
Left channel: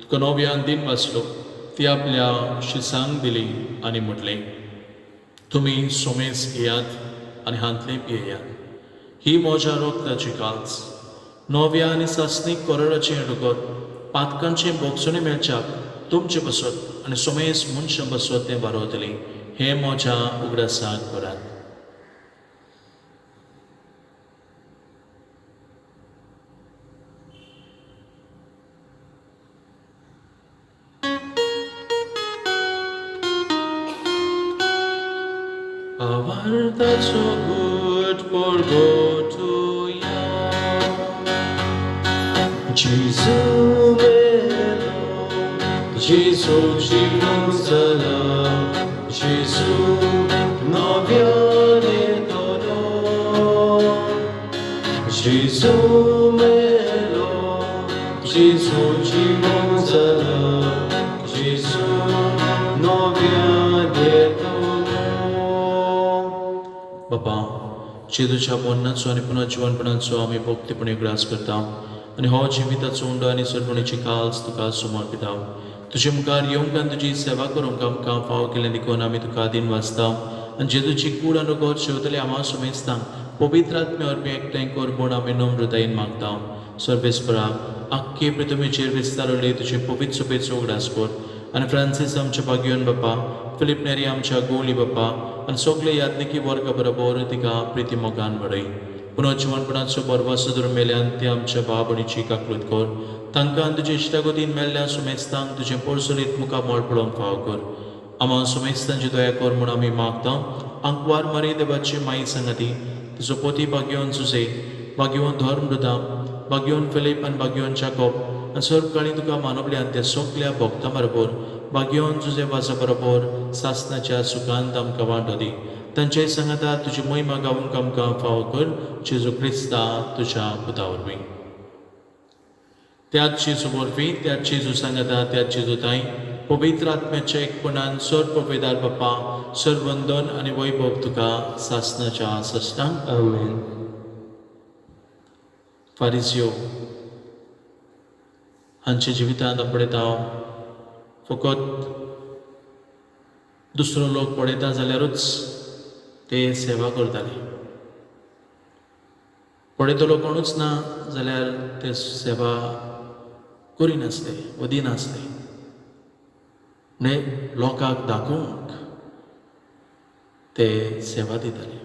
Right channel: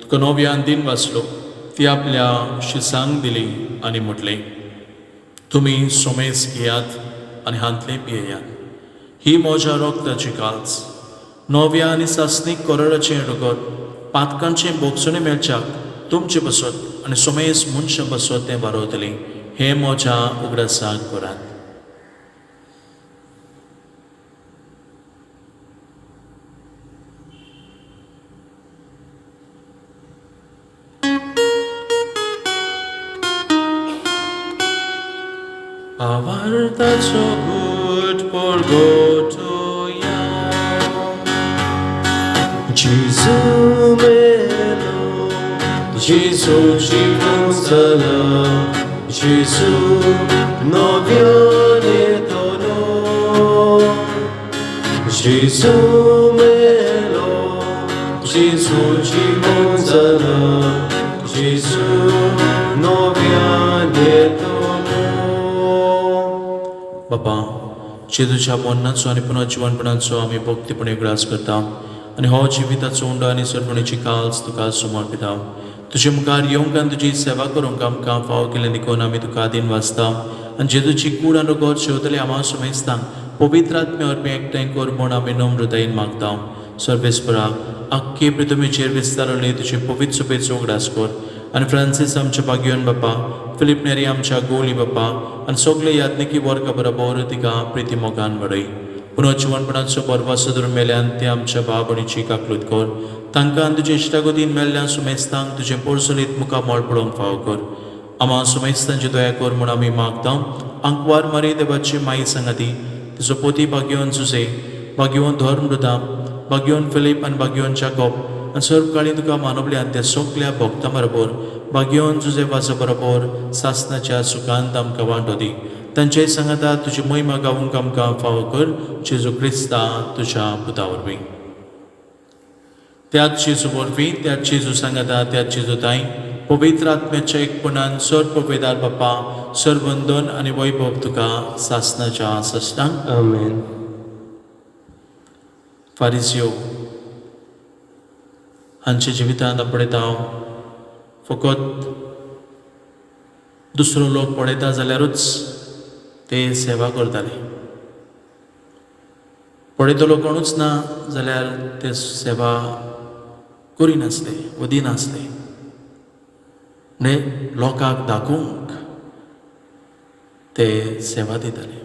तुका नव्यान दिन वाचलो ती आपल्या शिसांक दिली आणि म्हटले, तुम्ही सोमेस घेयात आणि हांतले पियेयात. ही म्हज्या रोगताची काच. नव्या आनी सासणीक कोरडाचें डुकर पातकांचे बोगसुणे मेळच्याक तुमचे बसत आनी सोमेस मनशां बसत तें बारोवतली. हे म्हज्या उगडासाक करात. Avartaso good porgotoya. Gesù meno, Gesù ci consola, Gesù non viene dono. Gesù meno, Gesù ci consola, Gesù non viene dono. बाबा, जेजूच्या मरणाचो आनी पुन्हा जिवनपणाचो आमी भक्तीपणे ग्रास करता आनी हो जिविताचो उंडो आनी सरपणीची काल्स तुका समर्पिता. तुजे मुखार येवंक आनी तुजी सेवा करूंक आमकां फाव केलें देखून आमी तुका आदीन वाचता आनी जेजूची कूड आनी गोड शेवतले आम्हा सुमेस्तां पवित्र आत्मे वरवीं एकठांय कर म्हूण आमी नम्र हृदयेन मागता. सर्वेस्परा आख्खे पृथ्वीचेर विस्तारले तुजे पवित्र सुपेचो उगडास कर आनी फ्रांसीस आमच्या भाग्यवन बापा, फिलिप नेरी आमच्या गोवली बापा आनी सगळे याज्ञिकी वर्गा बरोबर तिका प्रिती मोगान वाडय. पुन्हा जिवनपणाचो बरवासो धरून मेल्यान ते आमच्या बाबणीची काकलूत कर. तांकां तुजे इश्टागतीन मेल्ल्या सुमेस्तांक तुजें पोरसुलीत मुखार मोळ पडोवंक फाव कर. आम्हा सुमेस्तांची दया कर म्हूण आमी मागता. आंकवार मारी देवाची माई सांगाती, तिचो पोती भाग्यवन जुजे, भाग्यवन धर्मृदा, भाग्यवन फिलीप आनी भाग्यवन जाकोब आनी सर्व काळी तुका मानवल्यान त्या सगळ्या भक्तां बरोबर भाग्यवन जुजे वाजा बरोबर सासणाच्या सुखांत आमकां वांटो दी. तांचे सांगाता तुजी महिमा गावूंक आमकां फाव कर. जेजू क्रिस्ता तुज्या पुता वरवीं. त्याच जेजू वरवीं, त्याच जेजू सांगाता, त्याच जेजू ताई पवित्र आत्म्याच्या एकपणान सर्व पवेदार बापा, सर्वंदन आनी वैभव तुका सासणाच्या सश्टांक. Amen. फारिजियो हांच्या जिवितांत पळयता फकत दुसरो लोक पळयता जाल्यारूच ते सेवा करताले. पळयतलो कोणूच ना जाल्यार ते सेवा करिनासले, वदिनासले. लोकांक दाखोवंक ते सेवा दिताले.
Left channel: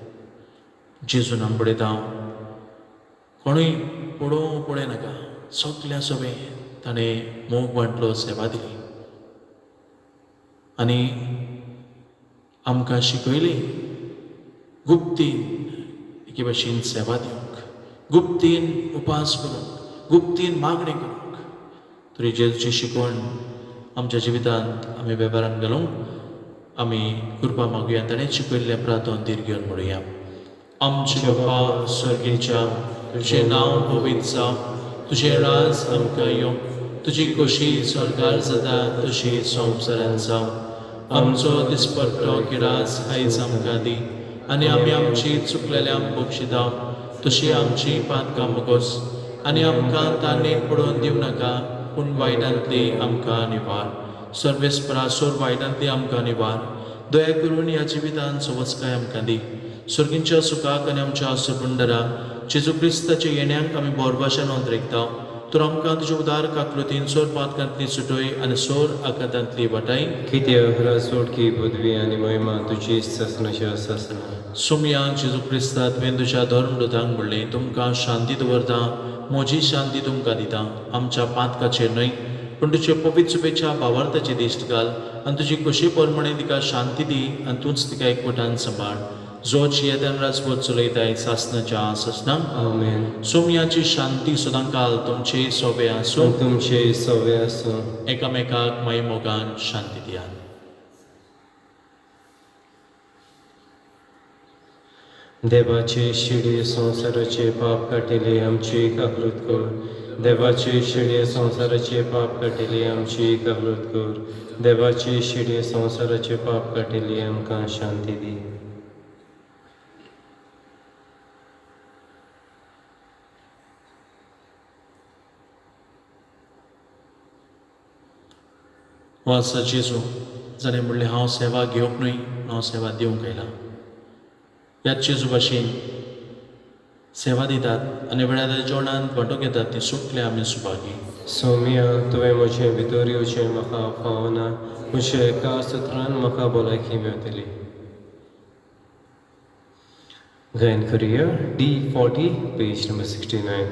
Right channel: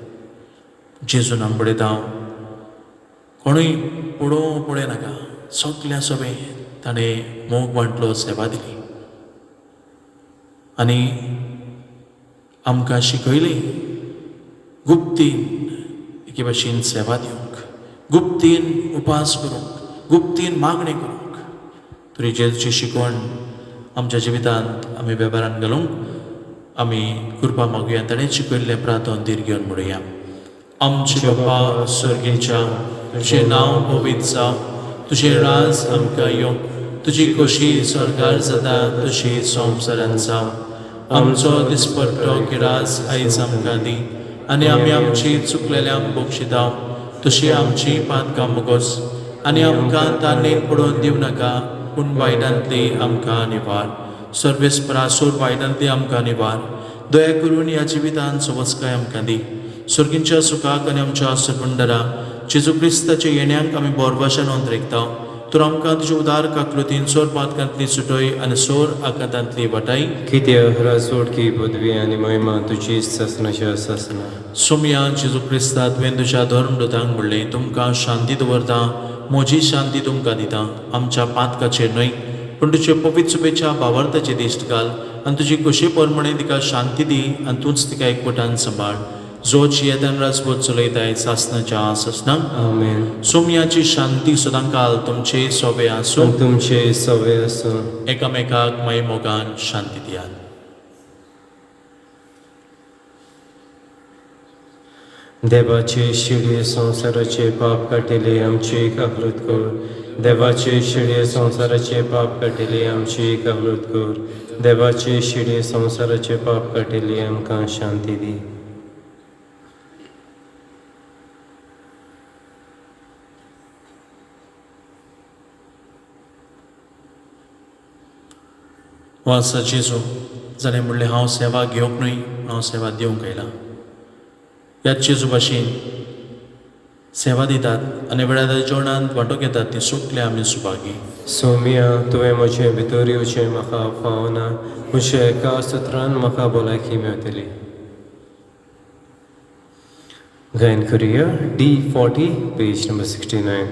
जेजून आमी पळयता कोणूय पळय नाका, सगल्या सभे ताणें मोग वांटलो, सेवा दिली आनी आमकां शिकयली गुप्तीन एके भाशेन सेवा दिवंक, गुप्तीन उपास करूंक, गुप्तीन मागणी करूंक. तरी जेजूची शिकवण आमच्या जिवितांत आमी वेव्हारान घालूंक आमी कृपा मागुया. ताणें शिकयल्लें प्रार्थना दीर घेवन म्हणुया. आमचे बापा सर्गेच्या, तुजें नांव पवित्र जावं, तुजें राज आमकां येवंक, तुजी खोशी स्वर्गार जाता तशी संवसारांत जावं. आमचो दिसपट्टो गिरास आयज आमकां दी आनी आमी आमची चुकलेल्यांक बक्षिता तशी आमची पातकां मुगोस आनी आमकां ताणेन पडोवन दिवं नाका, पूण वायटांतली आमकां निवार. सर्वेस्परासूर वायटांतली आमकां निवार. दया करून ह्या जिवितांत समजकाय आमकां दी. सर्गींच्या सुखाक आनी आमच्या सरपंडरा जेजू क्रिस्ताच्या येण्याक आमी बोरभाशा नोंद रेखता. तर आमकां तुज्या उदार काकलुतीन सोर पातकांतली सुटय आनी सोर आकांतांतली वाटाय. कित्याक राजवटकी पदवी आनी महिमा तुजी ससनाच्या ससना. सोमया जेजू क्रिस्ता तुवें तुज्या धर्मदूतांक म्हणलें, तुमकां शांती दवरता, म्हजी शांती तुमकां दिता. आमच्या पातकाचेर न्हय पूण तुजे पवित्र सुबेच्या भावार्थाचे दिश्ट घाल आनी तुजी खोशी परमणे तिका शांती दी आनी तूंच तिका एकवटान सांबाळ. जोच येदन राजवट चलयताय सासनाच्या ससनांक. आमेन. सोमयाची शांती सदांकाल तुमचे सोबे आसूं. तुमचे सवय आसूं. एकामेकाक माई मोगान शांती दियात. देवाचे शिडे संसाराचे पाप काटिले आमची काकलूत कर. देवाचे शिडे संसाराचे पाप काटिले आमची काकलूत कर. देवाचे शिडे संसाराचे पाप काटिले आमकां शांती दी. हो आसा जेजू जालें म्हणलें हांव सेवा घेवंक न्हय हांव सेवा दिवंक आयला. ह्याच जेजू भाशेन सेवा दितात आनी वेळार जेवणांत वांटो घेतात ती सुटले आमी सुभागी. सोमिया तुवें म्हजें भितर येवचें म्हाका फावना, म्हज्या एका सुत्रान म्हाका भलायकी मेळटली. गायन करुया D40 पेज नंबर 69.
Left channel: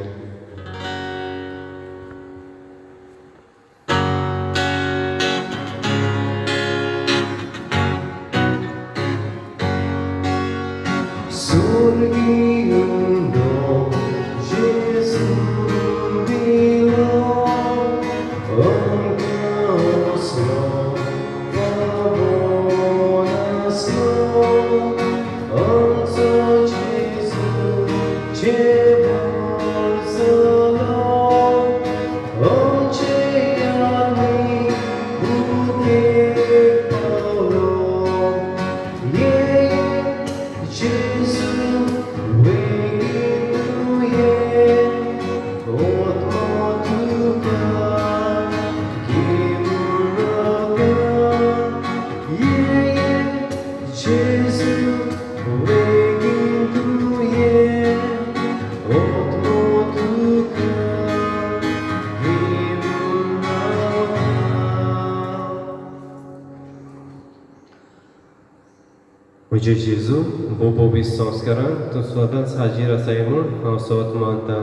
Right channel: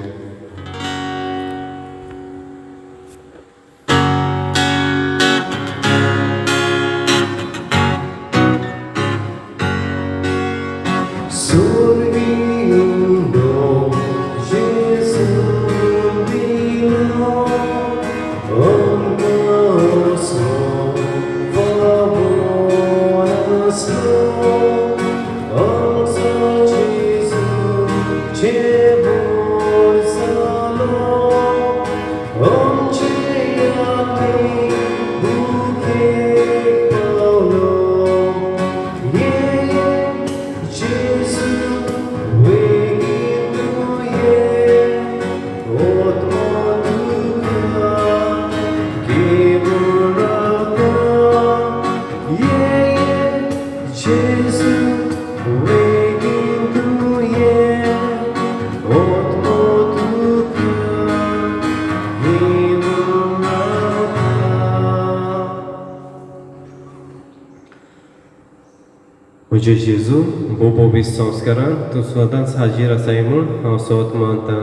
म्हजे जेजू बोबोबीस संस्कारान तूं सदांच हाजीर आसाय म्हूण हांव सोत मानतां.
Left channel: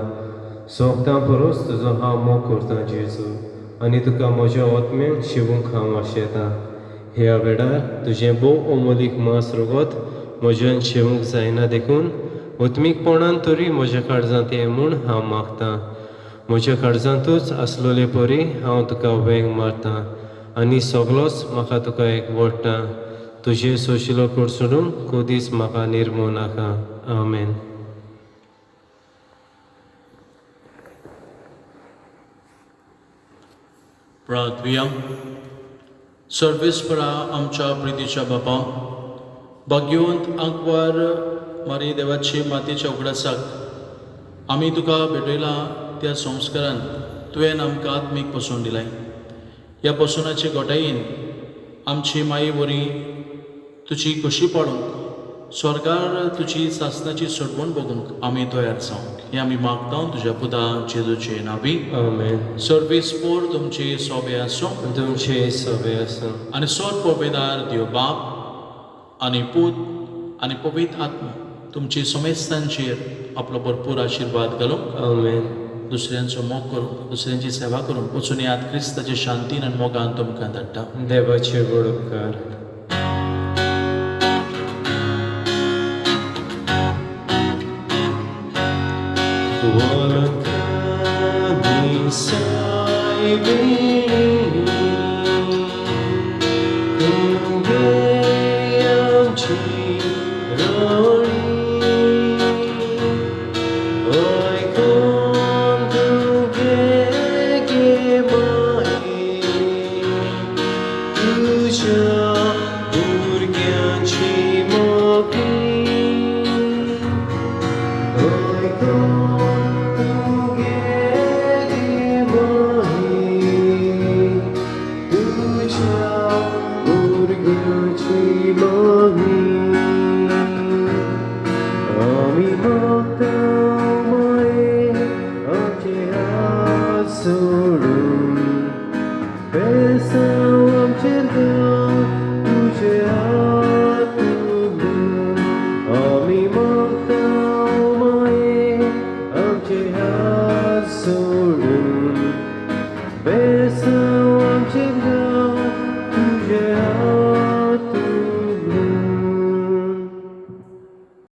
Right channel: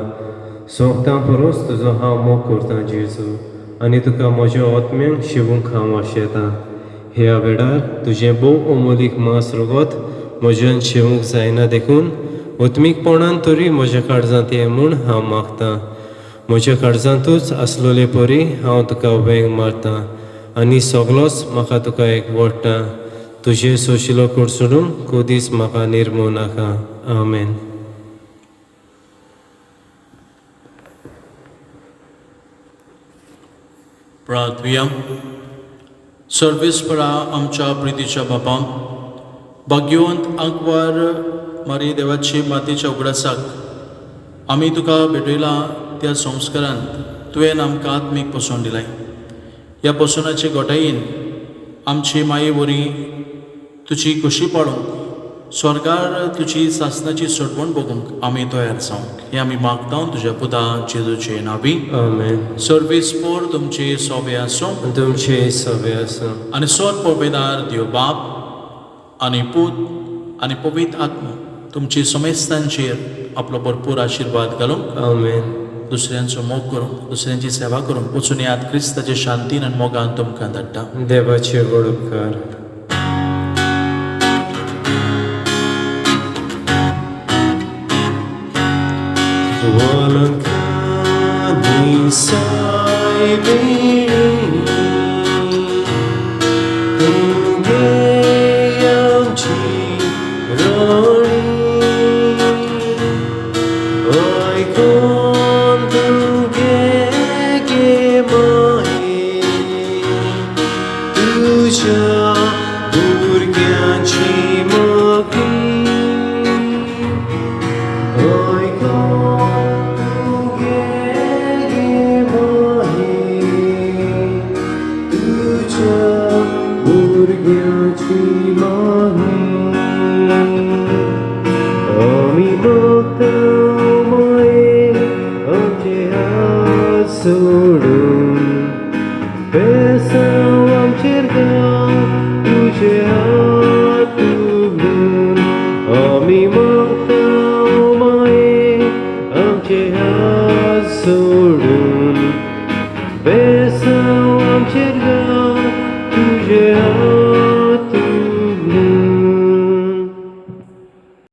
सोगतां परोस तुजो हांव मोग करतां जेजू, आनी तुका म्हज्या आत्म्यांक शिवूंक हांव आशेतां. ह्या वेळार तुजें भोव अमोलीक मांस रगत म्हज्यान शिवूंक जायना देखून ओत्मीकपणान तरी म्हज्या काळजांत ये म्हूण हांव मागतां. म्हज्या काळजांतूच आसलोले परी हांव तुका वेंग मारतां आनी सगलोच म्हाका तुका एकवडटा. तुजे सोशिलो कडसून कधीच म्हाका निर्मो नाका. आमेन. प्रार्थुया. सर्वेस्परा आमच्या प्रितीच्या बापा, भाग्यवंत आंकवार मारी देवाची मातेच्या उगडासाक आमी तुका भेटयला त्या संस्कारांत तुवें आमकां आत्मीक पसून दिलाय. ह्या पसुनाचे घोटायेन आमची माये वरी तुजी कशी पाडूंक स्वर्गार तुजी सासनाची सडवण बगूंक आमी तयार जावंक हे आमी मागता तुज्या पुता जेजूचे नावी. आमेन. सर्वेस्पोर तुमचे सोबे आसूं तुमचे सवे आसूं. आनी सोर पळोवपेदार देव बाप आनी पूत आनी पवित्र आत्मा तुमची समेस्तांचेर आपलो भरपूर आशिर्वाद घालूंक आमेन. दुसऱ्यांचो मोग करूंक दुसऱ्यांची सेवा करूंक वचून याद क्रिस्ताच्या शांतीन आनी मोगान तुमकां धाडटा. देवाचे गोड उपकार. Walakani sai bini Kunge amchi rani Oi kon tuge ge mahi Tuja durgyanchi magi Oi kon Sorry.